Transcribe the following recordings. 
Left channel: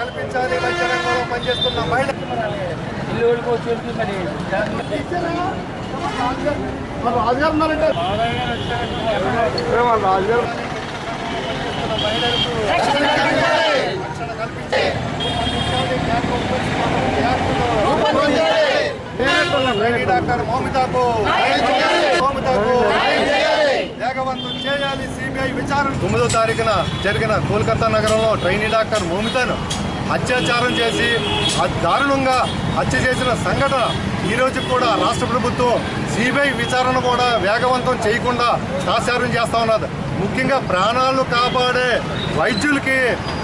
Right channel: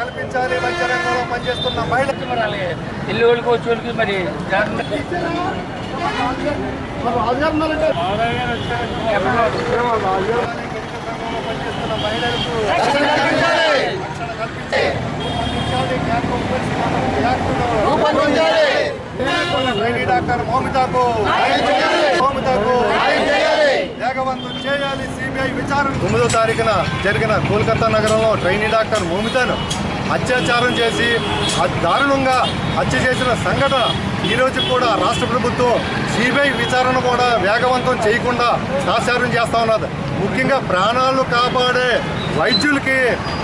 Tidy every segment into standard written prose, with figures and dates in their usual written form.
కల్పించాలి. వైద్య రంగంలో పనిచేస్తున్న మహిళలు ఇల్లు వచ్చి మరి డాక్టర్ మౌమితాకు వేగవంతం చేయాలి. సిబిఐ విచారణ 9వ తారీఖున జరిగిన కోల్కతా నగరంలో ట్రైనీ డాక్టర్ మౌమితాను అత్యాచారం చేసి దారుణంగా హత్య చేసిన సంఘటన ఈరోజు కూడా రాష్ట్ర ప్రభుత్వం సిబిఐ విచారణ కూడా వేగవంతం చేయకుండా తాత్సారం చేస్తూ ఉన్నది. ముఖ్యంగా ప్రాణాలు కాపాడే వైద్యులకి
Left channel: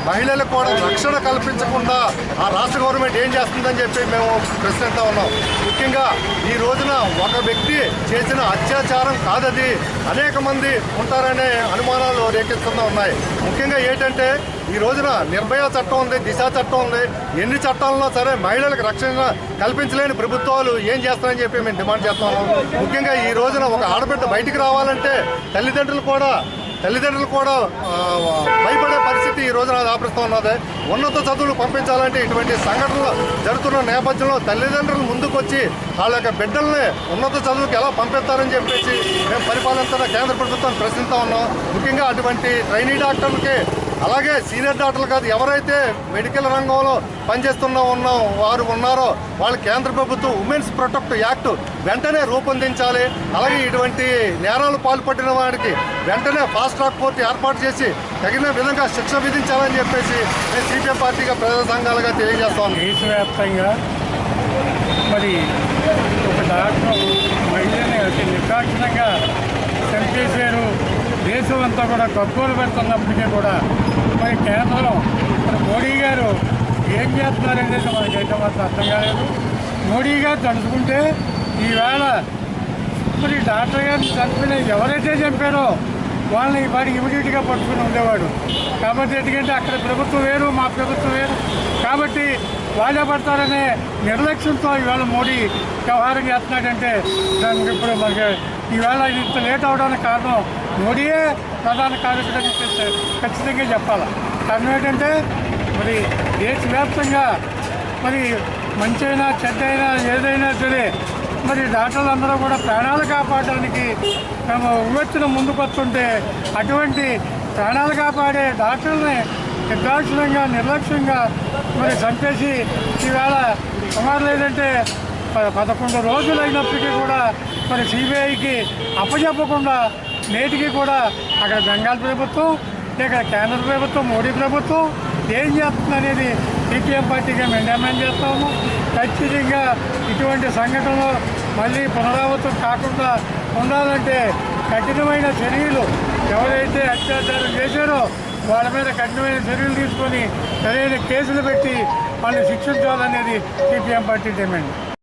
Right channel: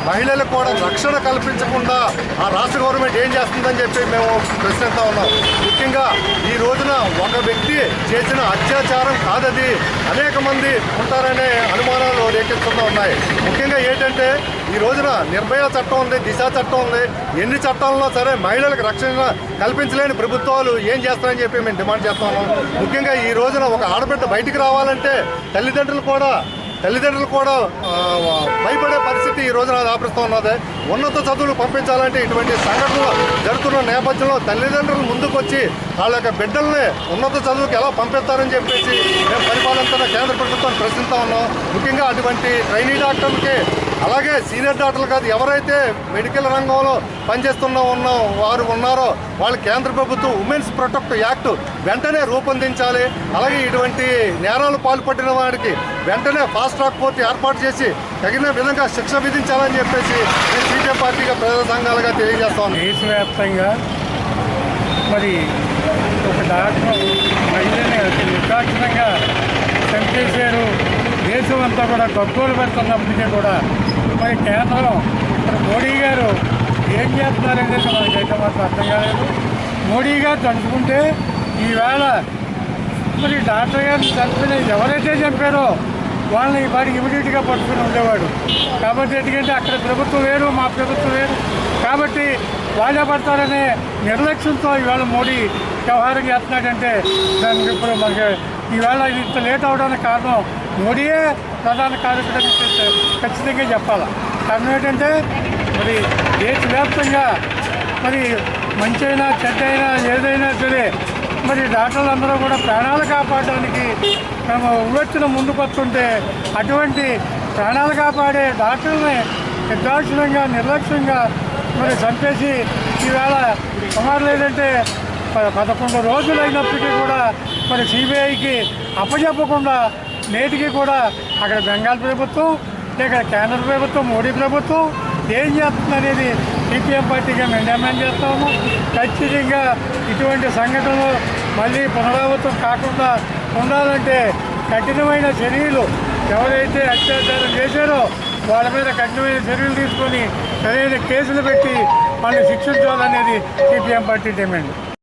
మహిళలకు కూడా రక్షణ కల్పించకుండా ఆ రాష్ట్ర గవర్నమెంట్ ఏం చేస్తుందని చెప్పి మేము ప్రశ్నిస్తూ ఉన్నాం. ముఖ్యంగా ఈ రోజున ఒక వ్యక్తి చేసిన అత్యాచారం కాదది, అనేక మంది ఉంటారనే అనుమానాలు రేకెత్తుతూ ఉన్నాయి. ముఖ్యంగా ఏంటంటే ఈ రోజున నిర్భయ చట్టం ఉంది, దిశ చట్టం ఉంది. ఎన్ని చట్టాలన్నా సరే మహిళలకు రక్షణ కల్పించలేని ప్రభుత్వాలు ఏం చేస్తారని చెప్పి మేము డిమాండ్ చేస్తా ఉన్నాం. ముఖ్యంగా ఈ రోజున ఒక ఆడబిడ్డ బయటికి రావాలంటే తల్లిదండ్రులు కూడా భయపడే పరిస్థితి ఈ రోజున దాపరిస్తూ ఉన్నది. ఉన్నత చదువులు పంపించాలంటే ఇటువంటి సంఘటనలు జరుగుతున్న నేపథ్యంలో తల్లిదండ్రులు ముందుకొచ్చి వాళ్ళ యొక్క బిడ్డల్ని ఉన్నత చదువుకి ఎలా పంపిస్తారని చెప్పేసి మేము పరిపాలన కేంద్ర ప్రభుత్వాన్ని ప్రశ్నిస్తూ ఉన్నాం. ముఖ్యంగా అటువంటి ట్రైనీ డాక్టర్లకి అలాగే సీనియర్ డాక్టర్లు కాదు, ఎవరైతే మెడికల్ రంగంలో వారు ఉన్నారో వాళ్ళు కేంద్ర ప్రభుత్వం ఉమెన్స్ ప్రొటెక్ట్ యాక్ట్ వెంటనే రూపొందించాలి. అలాగే ఇటువంటి నేరాలు పాల్పడిన వారికి వెంటనే ఫాస్ట్ ట్రాక్ కోర్టు ఏర్పాటు చేసి తగిన విధంగా శిక్ష విధించాలని చెప్పేసి మేము సిపిఎం పార్టీగా ప్రజా సంఘాలుగా తెలియజేస్తాం. దేశవ్యాప్తంగా మరి ఒక డాక్టర్ మహిళని అతి నిర్దాక్షిణంగా చంపేశారు. దేశం అంతా కూడా గగ్గోలు పెడుతున్నప్పటికీ కూడా మరి కేంద్రం మరి మోడీ గారు ఏం చేస్తున్నారనేది మనకైతే మాత్రం అర్థం కాలేదు. మోడీ గారు తలుచుకుంటే ఈవేళ మరి డాక్టర్ గారిని చంపిన ఎవరైతే చంపారో వాళ్ళని వాడికి ఇమీడియట్గా పట్టుకుని ఉండేవాడు. కాబట్టి ఎందుకంటే అక్కడ ప్రభుత్వం వేరు, మా ప్రభుత్వం వేరు, కాబట్టి వాళ్ళే పడతారనే నిర్లక్ష్యంతో ఈవేళ మోడీ వ్యవహారం చేస్తున్నాడంటే దానికి ఇప్పుడు మనకి ఈవేళ ఇంత లేట్ అవడానికి కారణం మోడీయే ప్రధాన కార్యక్రమం ఖచ్చితంగా చెప్పాలి. కారణం ఏంటంటే మరి దేశవ్యాప్తంగా మరి మంచి అయినా చెడ్డ అయినా ఏదైనా సరే మరి డాక్టర్లందరూ కూడా ప్రాణాలు కాపాడడానికి మేము ఉవ్వెత్తున ముందుకు వస్తుంటే అటువంటి ప్రాణాలు కాపాడే డాక్టర్లని నిర్దాక్షిణ్యంగా నిర్లక్ష్యంగా మరి చంపేసి ఈవేళ సుమారు లేదంటే 11 రోజులు అయినప్పటికీ కూడా మరి సిబిఐకి అప్పచెప్పకుండా నేటికి కూడా అక్కడ బెంగాల్ ప్రభుత్వం ఇక్కడ కేంద్ర ప్రభుత్వం మోడీ ప్రభుత్వం ఏం చేస్తుంది అనేది సిపిఎం పార్టీగా మేము డిమాండ్ చేస్తాము. ఖచ్చితంగా ఇటువంటి సంఘటనలు మళ్ళీ పునరావృతం కాకుండా ఉండాలంటే కఠినమైన చర్యలు ఎవరైతే అత్యాచారం చేశారో వాళ్ళ మీద కఠినమైన చర్యలు తీసుకొని సరైన కేసులు పెట్టి వాళ్ళని శిక్షించాలనేది సిపిఎం పార్టీ డిమాండ్.